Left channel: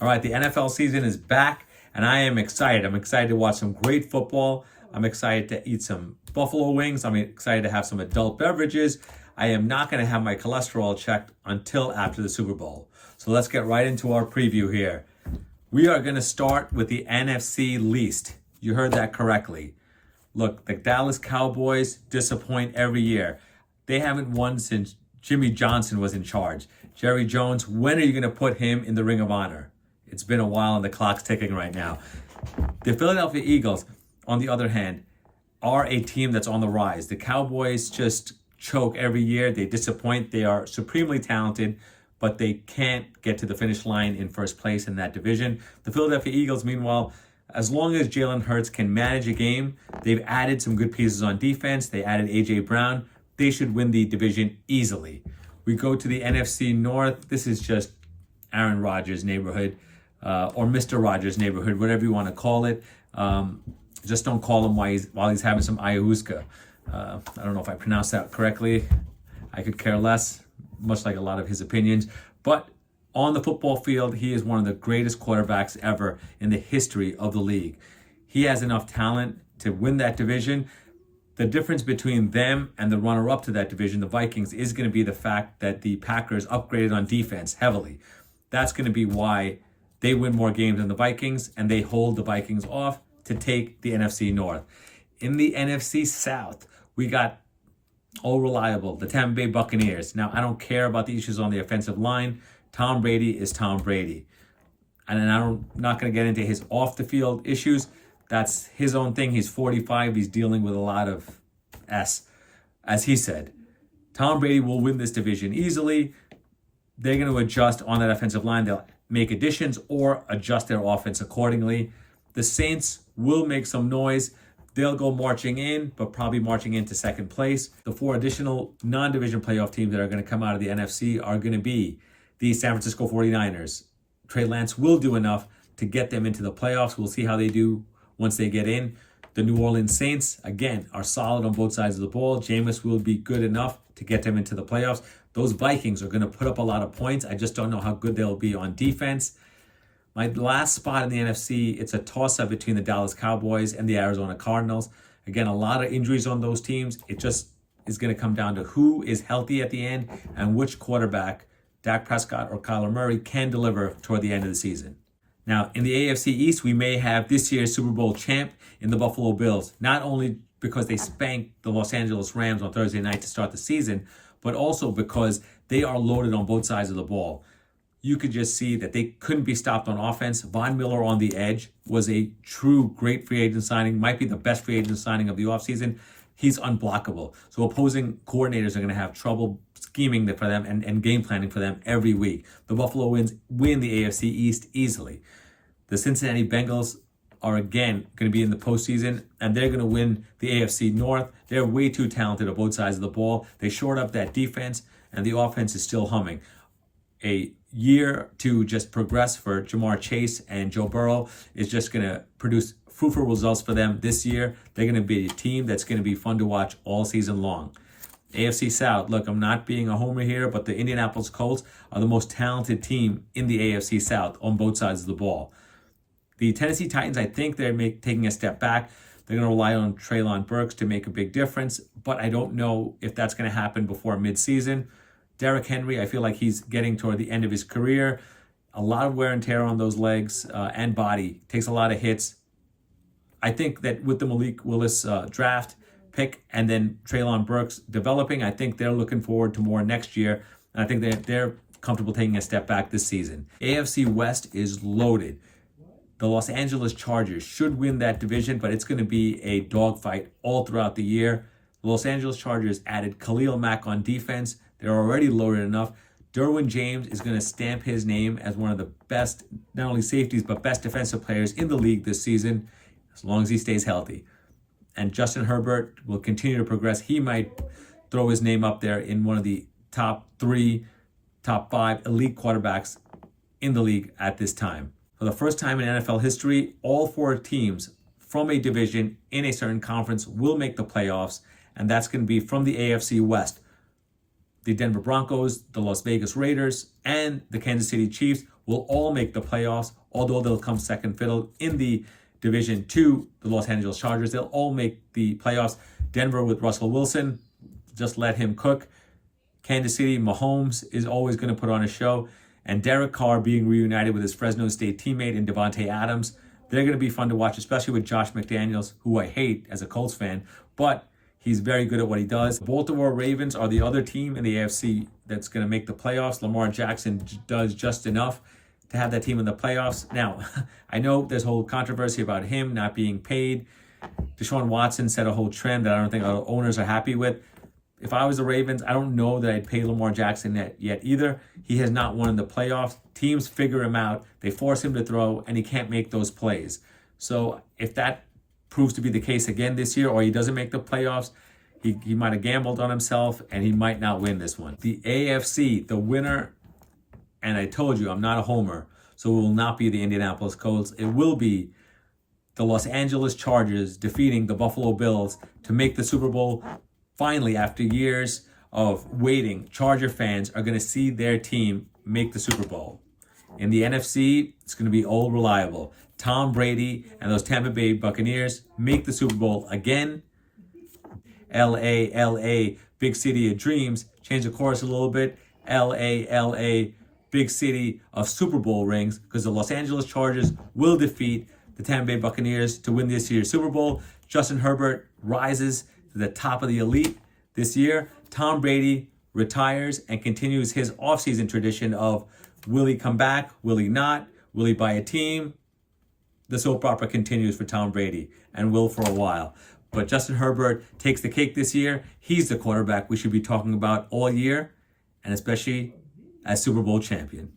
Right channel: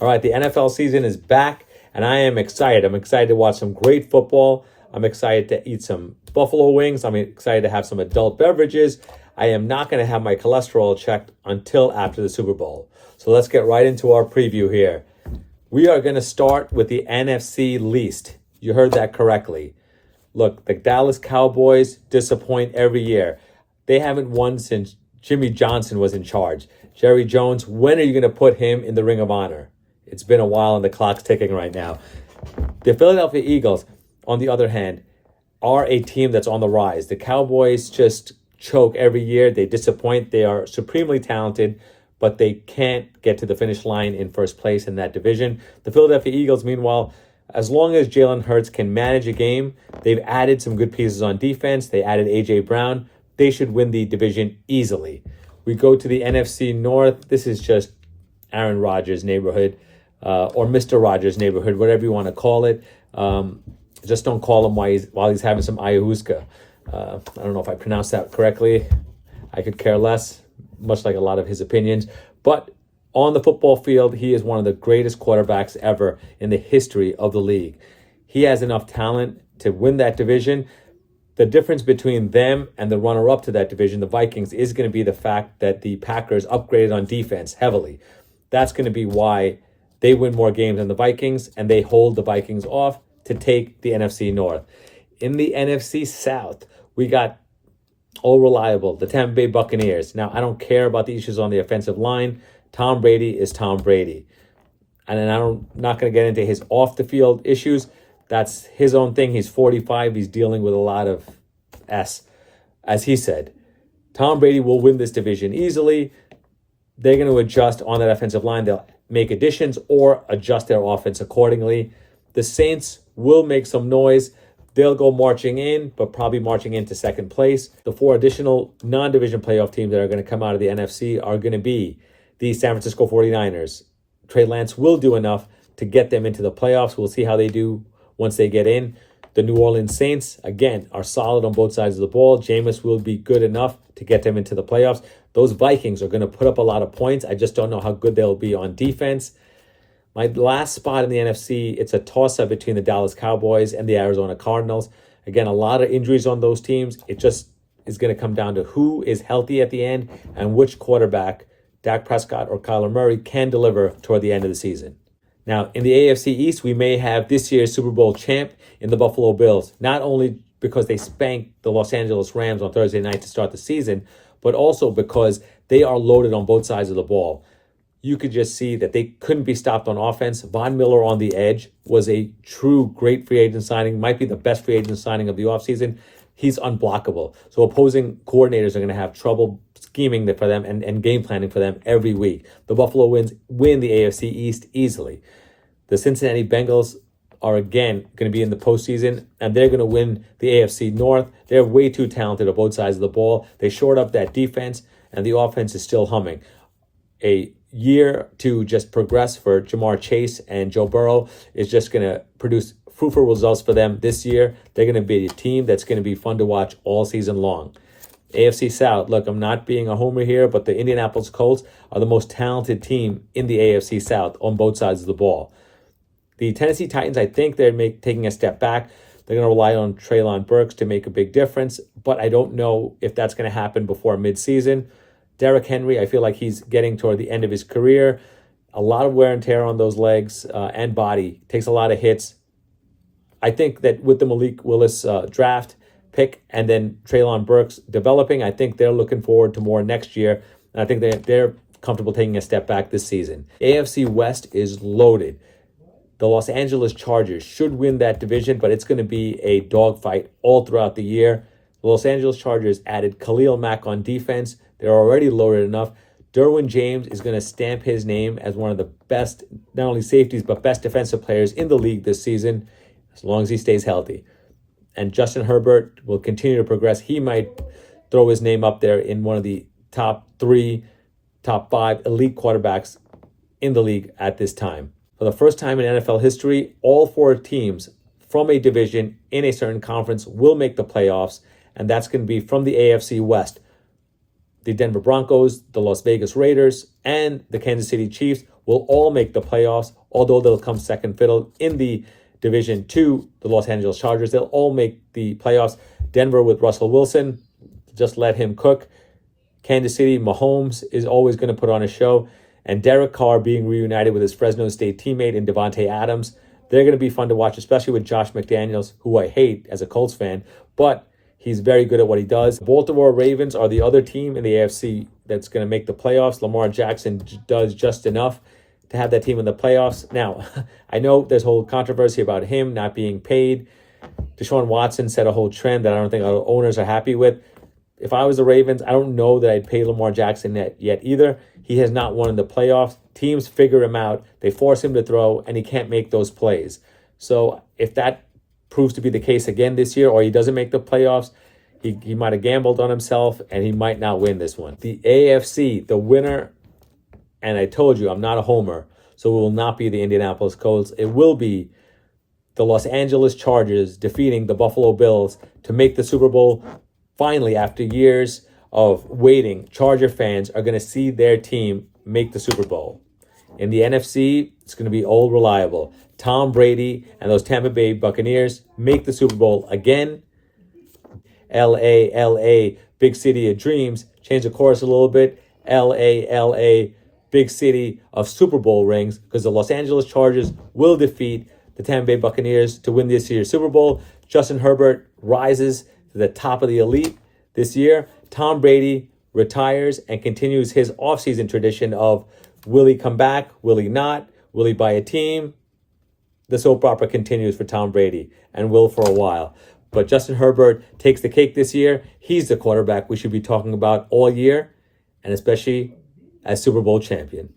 All right, the NFL season is back, and I am excited. I'm excited to watch some great football. I'm excited to eat some buffalo wings. I'm excited to have some adult beverages. I am not going to have my cholesterol checked until after the Super Bowl. So let's get right into our preview here. We are going to start with the NFC least. You heard that correctly. Look, the Dallas Cowboys disappoint every year. They haven't won since Jimmy Johnson was in charge. Jerry Jones, when are you going to put him in the Ring of Honor? It's been a while and the clock's ticking right now. The Philadelphia Eagles, on the other hand, are a team that's on the rise. The Cowboys just choke every year. They disappoint. They are supremely talented, but they can't get to the finish line in first place in that division. The Philadelphia Eagles, meanwhile, as long as Jalen Hurts can manage a game, they've added some good pieces on defense. They added A.J. Brown. They should win the division easily. We go to the NFC North. This is just Aaron Rodgers' neighborhood. Or Mr. Rogers' neighborhood, whatever you want to call it. Just don't call him while he's having some ayahuasca. I don't know if I pronounced that correctly. I could care less, much like a lot of his opinions. But on the football field, he is one of the greatest quarterbacks ever in the history of the league. He has enough talent to win that division. The difference between them and the runner-up to that division, the Vikings, is going to be the fact that the Packers upgraded on defense heavily. That's going to be why they win more games than the Vikings, and they hold the Vikings off to take the NFC North. In the NFC South, we got all reliable, the Tampa Bay Buccaneers. Now, I don't care about the issues on the offensive line. Tom Brady is Tom Brady. And I'm not going to get into his off-the-field issues. That's his own thing. He's 45. He's dealing with a lot of S, as he said. Tom Brady will win this division easily. They're going to adjust on that offensive line. They'll make additions or adjust their offense accordingly. The Saints will make some noise. They'll go marching in, but probably marching into second place. The four additional non-division playoff teams that are going to come out of the NFC are going to be the San Francisco 49ers. Trey Lance will do enough to get them into the playoffs. We'll see how they do once they get in. The New Orleans Saints, again, are solid on both sides of the ball. Jameis will be good enough to get them into the playoffs. Those Vikings are going to put up a lot of points. I just don't know how good they'll be on defense. My last spot in the NFC, it's a toss-up between the Dallas Cowboys and the Arizona Cardinals. Again, a lot of injuries on those teams. It just is going to come down to who is healthy at the end and which quarterback, Dak Prescott or Kyler Murray, can deliver toward the end of the season. Now, in the AFC East, we may have this year's Super Bowl champ in the Buffalo Bills, not only because they spanked the Los Angeles Rams on Thursday night to start the season, but also because they are loaded on both sides of the ball. You could just see that they couldn't be stopped on offense. Von Miller on the edge was a true great free agent signing, might be the best free agent signing of the offseason. He's unblockable. So opposing coordinators are going to have trouble scheming for them and game planning for them every week. The Buffalo win the AFC East easily. The Cincinnati Bengals are again going to be in the postseason, and they're going to win the AFC North. They're way too talented on both sides of the ball. They shored up that defense, and the offense is still humming. A year to just progress for Jamar Chase and Joe Burrow is just going to produce fruitful results for them this year. They're going to be a team that's going to be fun to watch all season long. AFC South, look, I'm not being a homer here, but the Indianapolis Colts are the most talented team in the AFC South on both sides of the ball. The Tennessee Titans, I think they're taking a step back. They're going to rely on Treylon Burks to make a big difference, but I don't know if that's going to happen before midseason. Derrick Henry, I feel like he's getting toward the end of his career. A lot of wear and tear on those legs and body. Takes a lot of hits. I think that with the Malik Willis draft pick and then Treylon Burks developing, I think they're looking forward to more next year. And I think they're comfortable taking a step back this season. AFC West is loaded. The Los Angeles Chargers should win that division, but it's going to be a dogfight all throughout the year. The Los Angeles Chargers added Khalil Mack on defense. They're already loaded enough. Derwin James is going to stamp his name as one of the best, not only safeties, but best defensive players in the league this season, as long as he stays healthy. And Justin Herbert will continue to progress. He might throw his name up there in one of the top 3, top 5 elite quarterbacks in the league at this time. For the first time in NFL history, all 4 teams from a division in a certain conference will make the playoffs, and that's going to be from the AFC West. The Denver Broncos, the Las Vegas Raiders, and the Kansas City Chiefs will all make the playoffs, although they'll come second fiddle in the division to the Los Angeles Chargers. They'll all make the playoffs. Denver with Russell Wilson, just let him cook. Kansas City, Mahomes is always going to put on a show. And Derek Carr being reunited with his Fresno State teammate in Devontae Adams. They're going to be fun to watch, especially with Josh McDaniels, who I hate as a Colts fan, but he's very good at what he does. Baltimore Ravens are the other team in the AFC that's going to make the playoffs. Lamar Jackson does just enough to have that team in the playoffs. Now, I know there's a whole controversy about him not being paid. Deshaun Watson set a whole trend that I don't think our owners are happy with. If I was the Ravens, I don't know that I'd pay Lamar Jackson yet either. He has not won in the playoffs. Teams figure him out. They force him to throw, and he can't make those plays. So if that proves to be the case again this year, or he doesn't make the playoffs, he might have gambled on himself, and he might not win this one. The AFC, the winner, and I told you I'm not a homer, so it will not be the Indianapolis Colts. It will be the Los Angeles Chargers defeating the Buffalo Bills to make the Super Bowl. Finally, after years of waiting, Charger fans are going to see their team make the Super Bowl. In the NFC, it's going to be old reliable. Tom Brady and those Tampa Bay Buccaneers make the Super Bowl again. LA, big city of dreams. Change the chorus a little bit. LA, big city of Super Bowl rings, because the Los Angeles Chargers will defeat the Tampa Bay Buccaneers to win this year's Super Bowl. Justin Herbert rises to the top of the elite this year. Tom Brady retires and continues his offseason tradition of, will he come back? Will he not? Will he buy a team? The soap opera continues for Tom Brady and will for a while. But Justin Herbert takes the cake this year. He's the quarterback we should be talking about all year, and especially as Super Bowl champion.